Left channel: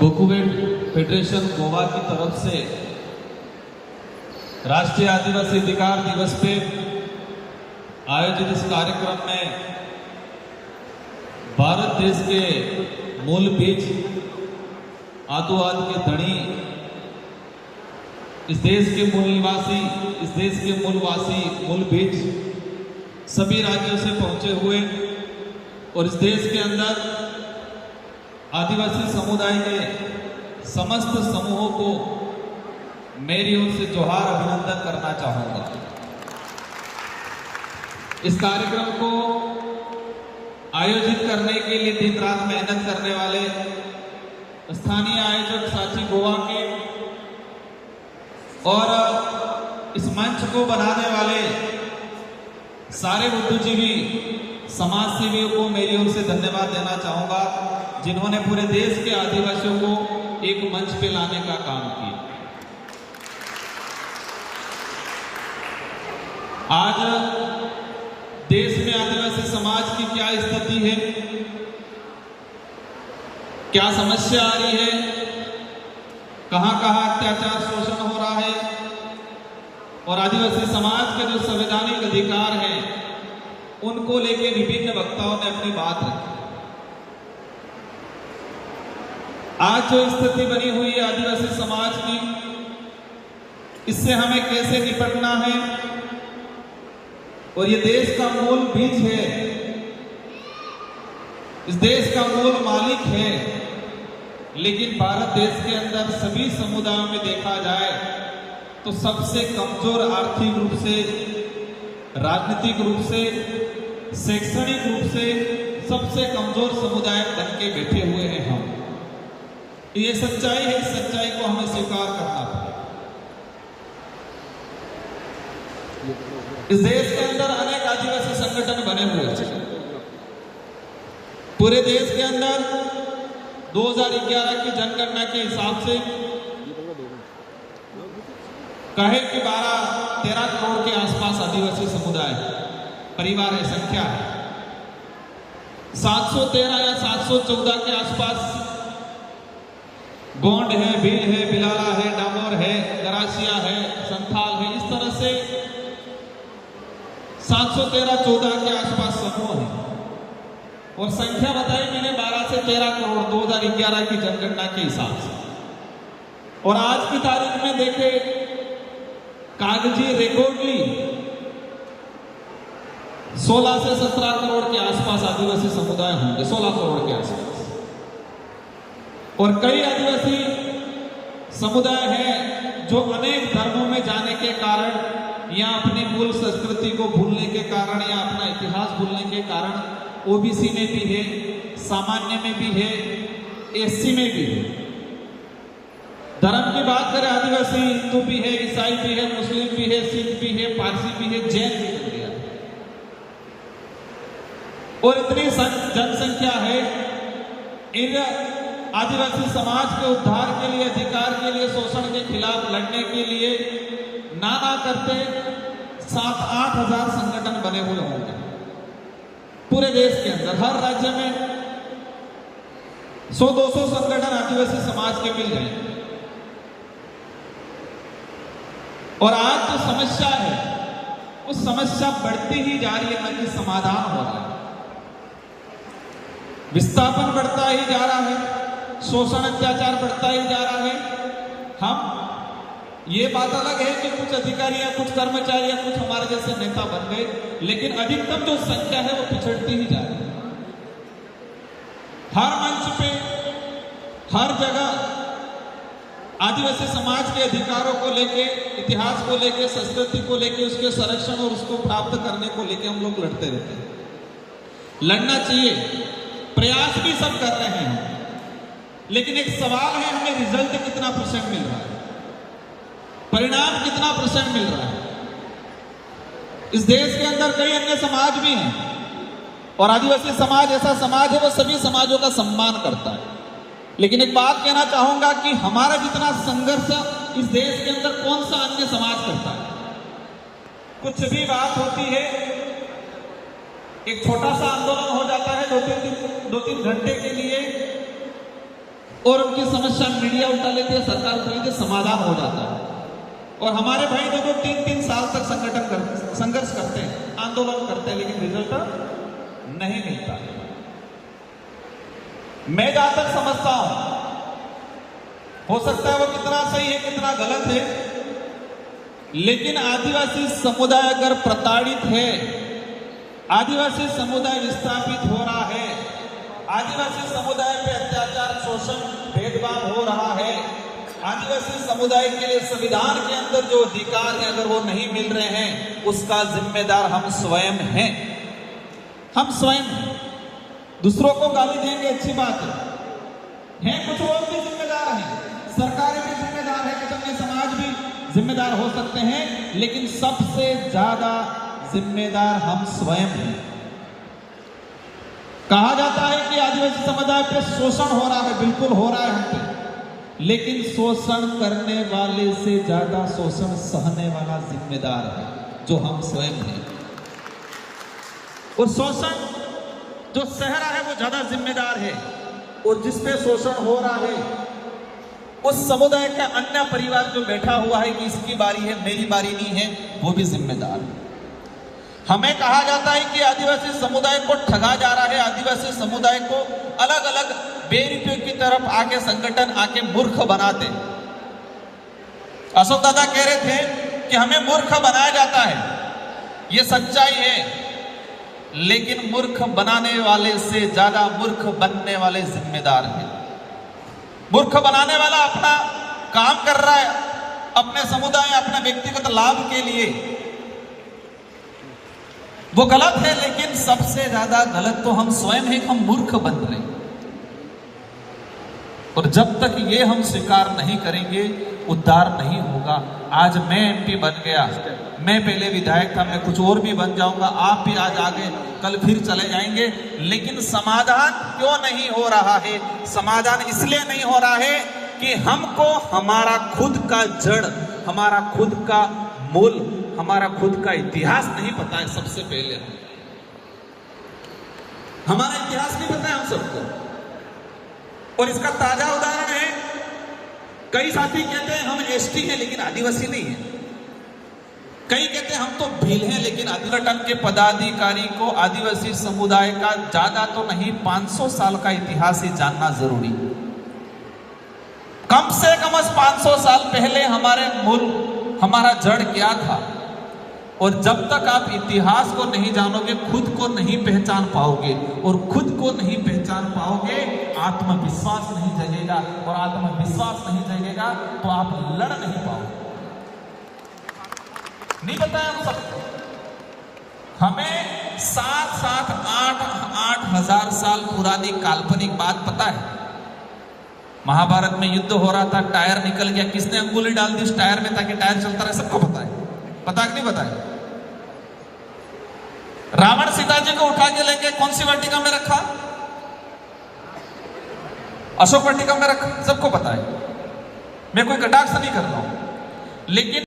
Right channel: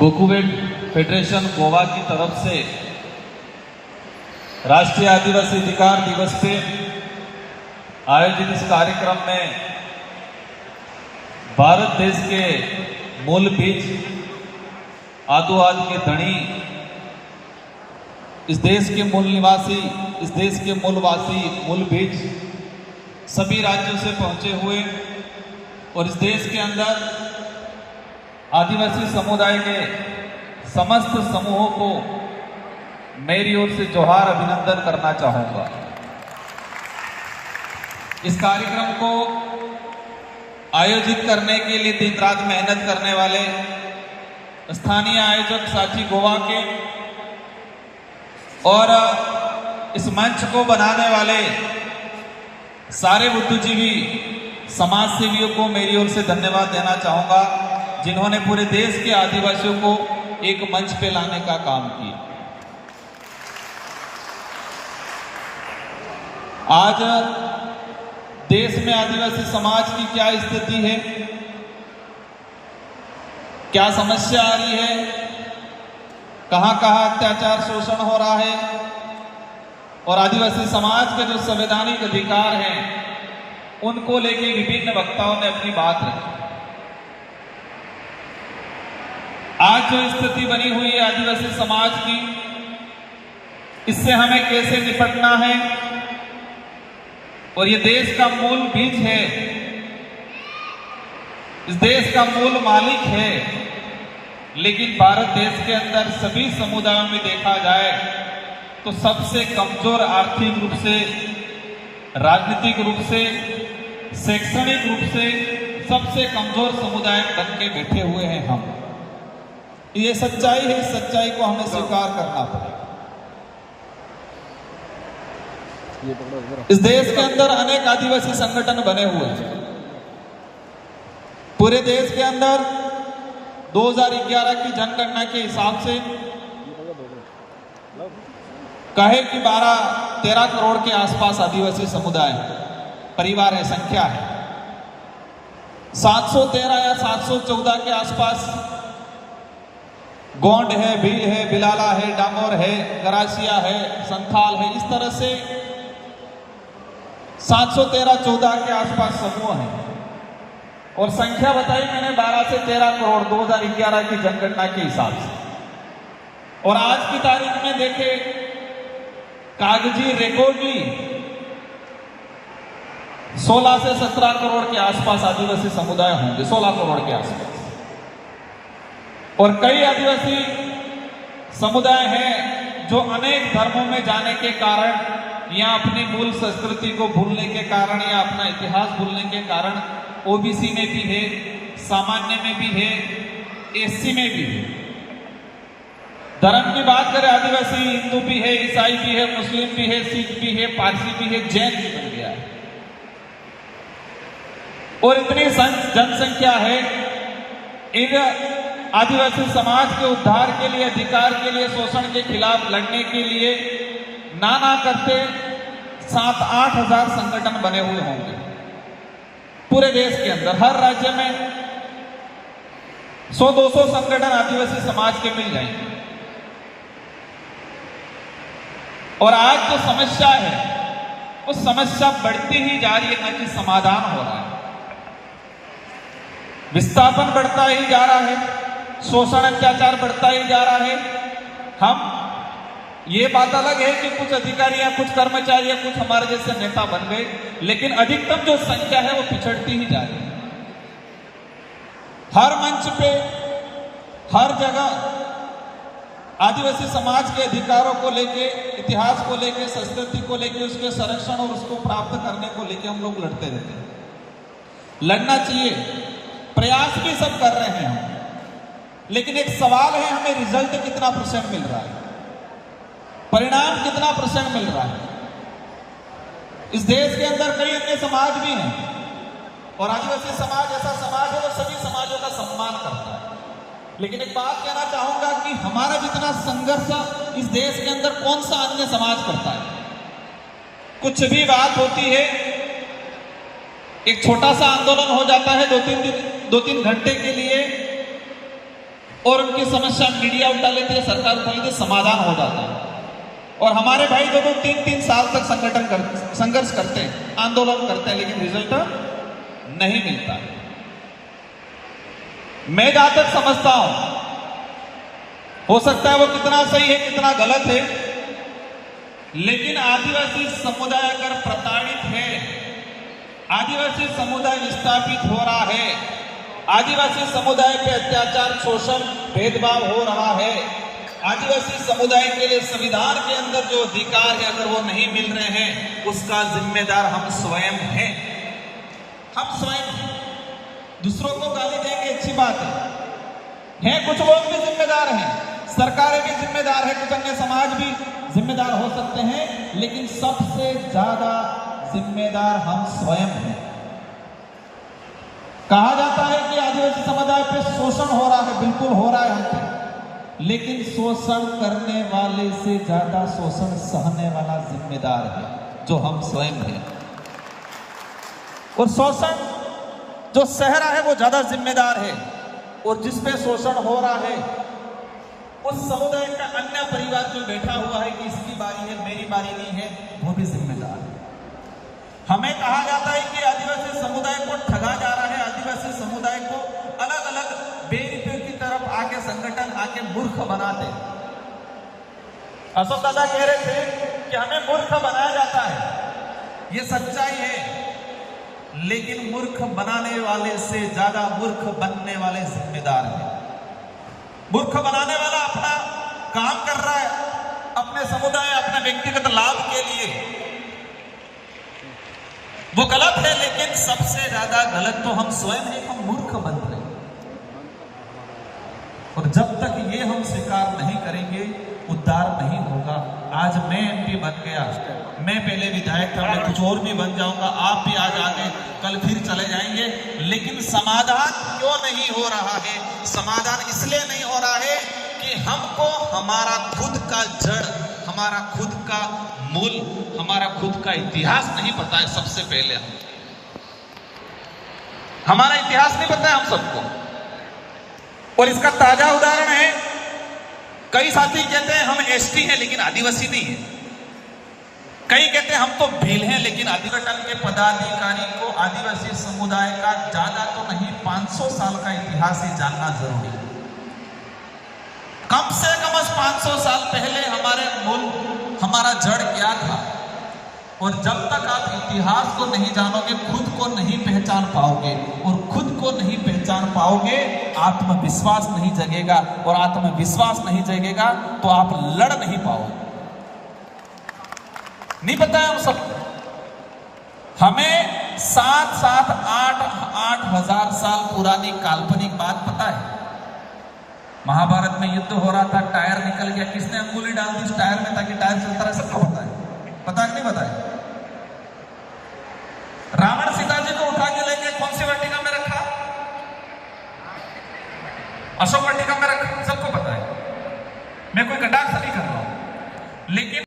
गोकुवेट federation Goa की तरफ से राष्ट्रीय आदिवासी अधिकार दिवस पे आयोजित इस कार्यक्रम में भारत देश के मूल बीज आदुआद के धनी, इस देश के मूल निवासी, इस देश के मूलवासी, मूल बीज सभी राज्यों से पहुंचे हुए और इस देश के अंदर आदिवासी समुदाय के समस्त समूहों को मेरी ओर से जोहार अभिनंदन करना चाहूंगा। इस कार्यक्रम को आयोजित करने के लिए दिन रात मेहनत करने वाले स्थानीय आयोजक साची गोवा के और इस मंच को बनाने वाले सारे बुद्धिजीवी समाज सेवियों को मेरी ओर से धन्यवाद देना चाहूंगा, जिन्होंने पूरे देश के आदिवासियों को एक मंच पे लाने का काम किया। आज देश में आदिवासी समाज की क्या स्थिति है, क्या समस्या आ रही है, कहां कहां अत्याचार शोषण हो रहा है और आदिवासी समाज के जो संवैधानिक अधिकार हैं उनको लेके विभिन्न वक्ताओं ने अपनी बात रखी। आज जो स्थिति बनी हुई है आदिवासी समाज की, इससे हमें कैसे निपटना है और ये देश का मूल बीज है, इस देश का मूल मालिक है, लेकिन भारत देश के अंदर सभी समुदायों में देखा जाए तो सबसे कमजोर आर्थिक रूप से, राजनीतिक रूप से, शैक्षणिक रूप से सबसे कमजोर समुदाय बन के बैठे हुए हैं हम। ये सच्चाई है, इस सच्चाई को हमें स्वीकार करना पड़ेगा। इस देश के अंदर अनेक आदिवासी संगठन बने हुए हैं। पूरे देश के अंदर 2011 की जनगणना के हिसाब से कहे कि 12-13 करोड़ के आसपास आदिवासी समुदाय परिवार है, संख्या है। 713 या 714 के आसपास गोंड है, भील है, बिलाला है, डामोर है, गरासिया है, संथाल है, इस तरह से 713-14 के आसपास समूह है और संख्या बताई मैंने 12 से 13 करोड़ 2011 की जनगणना के हिसाब से। और आज की तारीख में देखें, कागजी रेकॉर्डी 16 से 17 करोड़ के आसपास आदिवासी समुदाय होंगे, 16 करोड़ के आसपास। और कई आदिवासी समुदाय हैं जो अनेक धर्मों में जाने के कारण या अपनी मूल संस्कृति को भूलने के कारण या अपना इतिहास भूलने के कारण ओबीसी में भी है, सामान्य में भी है, एससी में भी है। धर्म की बात करें, आदिवासी हिंदू भी है, ईसाई भी है, मुस्लिम भी है, सिख भी है, पारसी भी है, जैन भी है। और इतनी जनसंख्या है, इन आदिवासी समाज के उद्धार के लिए, अधिकार के लिए, शोषण के खिलाफ लड़ने के लिए ना करते 7-8 हजार संगठन बने हुए होंगे पूरे देश के अंदर। हर राज्य में 100-200 संगठन आदिवासी समाज के मिल जाएंगे। और आज जो समस्या है उस समस्या बढ़ती ही जा रही है, न कि समाधान हो रहा है। विस्थापन बढ़ता ही जा रहा है, शोषण अत्याचार बढ़ता ही जा रहा है। हम ये बात अलग है कि कुछ अधिकारी या कुछ कर्मचारी या कुछ हमारे जैसे नेता बन गए, लेकिन अधिकतम जो संख्या है वो पिछड़ती ही जा रही है। हर मंच पे, हर जगह आदिवासी समाज के अधिकारों को लेके, इतिहास को लेके, संस्कृति को लेके, उसके संरक्षण और उसको प्राप्त करने को लेके हम लोग लड़ते रहते हैं। लड़ना चाहिए, प्रयास भी सब कर रहे हैं, लेकिन एक सवाल है, हमें रिजल्ट कितना % मिल रहा है, परिणाम कितना % मिल रहा है। इस देश के अंदर कई अन्य समाज भी हैं और आदिवासी समाज ऐसा समाज है वो सभी समाजों का सम्मान करता है। लेकिन एक बात कहना चाहूंगा कि हमारा जितना संघर्ष इस देश के अंदर कौन सा अन्य समाज करता है। कुछ भी बात होती है, एक छोटा सा आंदोलन हो जाता है, 2-3 घंटे के लिए और उनकी समस्या मीडिया उठा लेती है, सरकार उठा लेती है, समाधान हो जाता है। और हमारे भाई 2-3 साल तक संघर्ष करते हैं, आंदोलन करते हैं, लेकिन रिजल्ट नहीं मिलता। मैं जहां तक समझता हूं, हो सकता है वो कितना सही है कितना गलत है, लेकिन आदिवासी समुदाय अगर प्रताड़ित है, आदिवासी समुदाय विस्थापित हो रहा है, आदिवासी समुदाय पे अत्याचार, शोषण, भेदभाव हो रहा है, आदिवासी समुदाय के संविधान के अंदर जो अधिकार है अगर वो नहीं मिल रहे हैं, उसका जिम्मेदार हम स्वयं हैं। हम स्वयं हैं। दूसरों को गाली देंगे अच्छी बात है, कुछ लोग भी जिम्मेदार हैं, सरकारें भी जिम्मेदार है, कुछ अन्य समाज भी जिम्मेदार हो सकते हैं, लेकिन सबसे ज्यादा जिम्मेदार हम स्वयं हैं। कहा जाता है कि आदिवासी समुदाय पे शोषण हो रहा है, बिल्कुल हो रहा है हम पे, लेकिन शोषण करने वाले से ज्यादा शोषण सहने वाला जिम्मेदार है, जो हम स्वयं हैं। और शोषण जो सह रहा है वो ज्यादा जिम्मेदार है, और जिसपे शोषण हो रहा है उस समुदाय का अन्य परिवार जो बैठा हुआ है कि इसकी बारी है, मेरी बारी नहीं है, वो भी जिम्मेदार है। हमें कहा जाता है कि आदिवासी समुदाय को ठगा जा रहा है, आदिवासी समुदाय को अलग अलग बेरुपयों की तरफ आके संगठन आके मूर्ख बनाते। अशोक दादा कह रहे थे कि हमें मूर्ख बनाया जाता है, ये सच्चाई है, लेकिन मूर्ख बनाने वाले से ज्यादा मूर्ख बनने वाले जिम्मेदार हैं। मूर्ख बनाने वाला अपना काम कर रहा है अपने समुदाय, अपने व्यक्तिगत लाभ के लिए, वो गलत है, लेकिन सबसे ज्यादा गलत तो हम स्वयं हैं, हम मूर्ख बन रहे हैं। और जब तक ये हम स्वीकार नहीं करेंगे, उद्धार नहीं होगा। आज मैं एमपी बन गया, मैं पहले विधायक था, मैं कुछ और भी बन जाऊंगा, आप भी आज आगे कल फिर चले जाएंगे, लेकिन समाधान क्यों नहीं हो रहा है? समाधान इसलिए नहीं हो रहा है कि हमको हमारा खुद का जड़, हमारा खुद का मूल, हमारा खुद का इतिहास नहीं पता है। सबसे पहले हमारा इतिहास नहीं पता है हम सबको। और इसका ताजा उदाहरण है, कई साथी कहते हैं हम एसटी हैं लेकिन आदिवासी नहीं है, कई कहते हैं हम तो भील हैं, लेकिन आदिवासी के पदाधिकारी को आदिवासी समुदाय का ज्यादा तो नहीं 500 साल का इतिहास है जानना जरूरी। कम से कम 500 साल पहले हमारे मूल, हमारा जड़ क्या था। और जब तक आप इतिहास को नहीं जानोगे, खुद को नहीं पहचान पाओगे, और खुद को नहीं पहचान पाओगे, आत्मविश्वास नहीं जगेगा, और आत्मविश्वास नहीं जगेगा तो आप लड़ नहीं पाओगे। नहीं पता है हम सब, हमें 7-7, 8-8 हजार साल पुरानी काल्पनिक बात पता है। महाभारत में युद्ध हो रहा था, टायर निकल गया, किसने अंगुली डाल दी उस टायर में ताकि टायर चलता रहे, सबको पता है। पता है कि नहीं पता है? रावण सीता जी को उठा के लेके कौन सी वाटिका में रखा? अशोक वाटिका में रखा, सबको पता है। मैं कोई कटाक्ष नहीं कर रहा हूं, लेकिन